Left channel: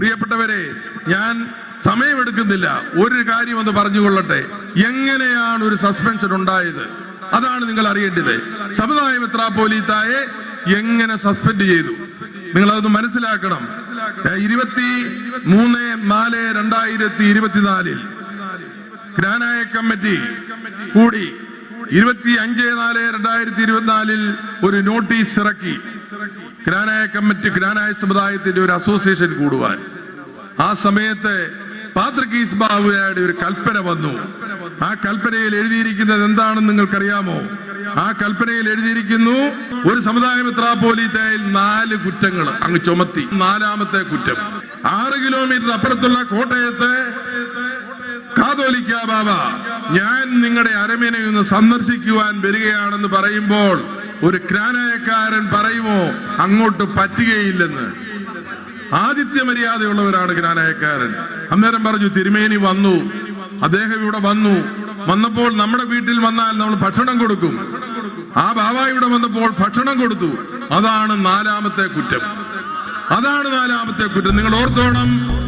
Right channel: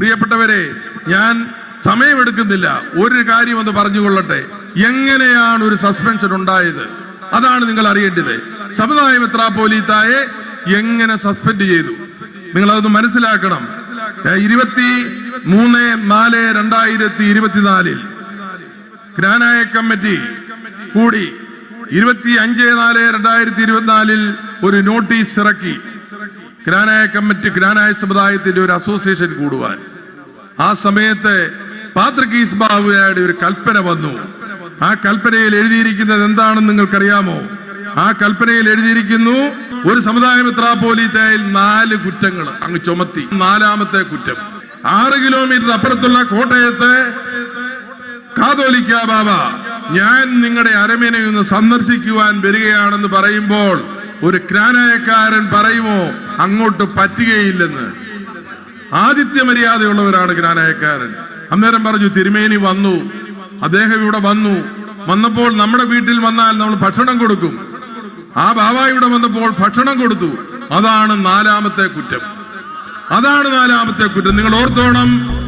പ്രിയപ്പെട്ടവരെ ഞാൻ സമയമെടുക്കുന്നില്ല. ഒരു കാര്യം ഒന്ന് പറഞ്ഞുകൊള്ളട്ടെ. എങ്ങനെയാണ് ഒരു സസ്പെൻഷൻ ഉണ്ടായത്? അതാണ് നിങ്ങൾ അറിയേണ്ടത്. സമുദായ മെത്രാപ്പോലീത്തായെ എങ്ങനെ സസ്പെൻഡ് ചെയ്തു? നിങ്ങൾ അതൊന്ന് മനസ്സിലാക്കണം ഇരുപത്തി മൂന്ന് നാല് രണ്ടായിരത്തി ഇരുപത്തിനാലിൽ ഗ്രാനായ കമ്മിറ്റി കൂടി ഇരുപത്തി അഞ്ച് നാല് രണ്ടായിരത്തി ഇരുപത്തിനാലിൽ ഒരു നോട്ടീസ് ഇറക്കി. ഗ്രാനായ കമ്മിറ്റി ഗ്രാനായ സമുദായത്തിന്റെ ഒരു അസോസിയേഷൻ കൂടുവാൻ. ആ സമയത്ത് പാത്രക്കീസ് ബാബുയുടെ ഒരു കൽപ്പന വന്നു. ആ കൽപ്പനയിൽ എഴുതിയിരിക്കുന്നത് എന്താണെന്ന് നിങ്ങൾക്കറിയാമോ? ആ കൽപ്പനയിൽ എഴുതിയിരിക്കുന്നു ഒരു സമുദായ മെത്രാപ്പോലീത്തയിൽ നാല് കുറ്റങ്ങൾ അങ്ങ് ചുമത്തി. നാലാമത്തെ കുറ്റം. ആറ് കിലോമീറ്റർ അപ്പുറത്തുള്ള കോട്ടയത്ത് കാതോലിക്ക ബാബ ഞാൻ നിങ്ങളുടെ അരമേനയൊന്ന് സന്ദർശിക്കുവാൻ വരികയാണെന്ന് പറയുമ്പോൾ ഒരു ക്നാനായക്കാരൻ പറയുമോ അങ്ങോട്ട് പറ്റുകയില്ലെന്ന്? ആദിത്യ മര്യാദയുള്ളവരാണ് ജ്ഞാനായക്കാരൻ അന്നേരം പറഞ്ഞു തിരുമേനി വന്നു. അദ്ദേഹം ഇവിടെ വന്നു. വന്നപ്പോൾ നമ്മുടെ വീട്ടിൽ വന്നാൽ നമ്മൾ ഭക്ഷണം കൊടുക്കും. ആ ബാബ ഇവിടെ വന്നപ്പോൾ ഭക്ഷണം കൊടുത്തു. അതാണ് നാലാമത്തെ കുറ്റം. അതാണ് നാലാമത്തെ കുറ്റം. നിങ്ങൾ ഓർത്തോണം.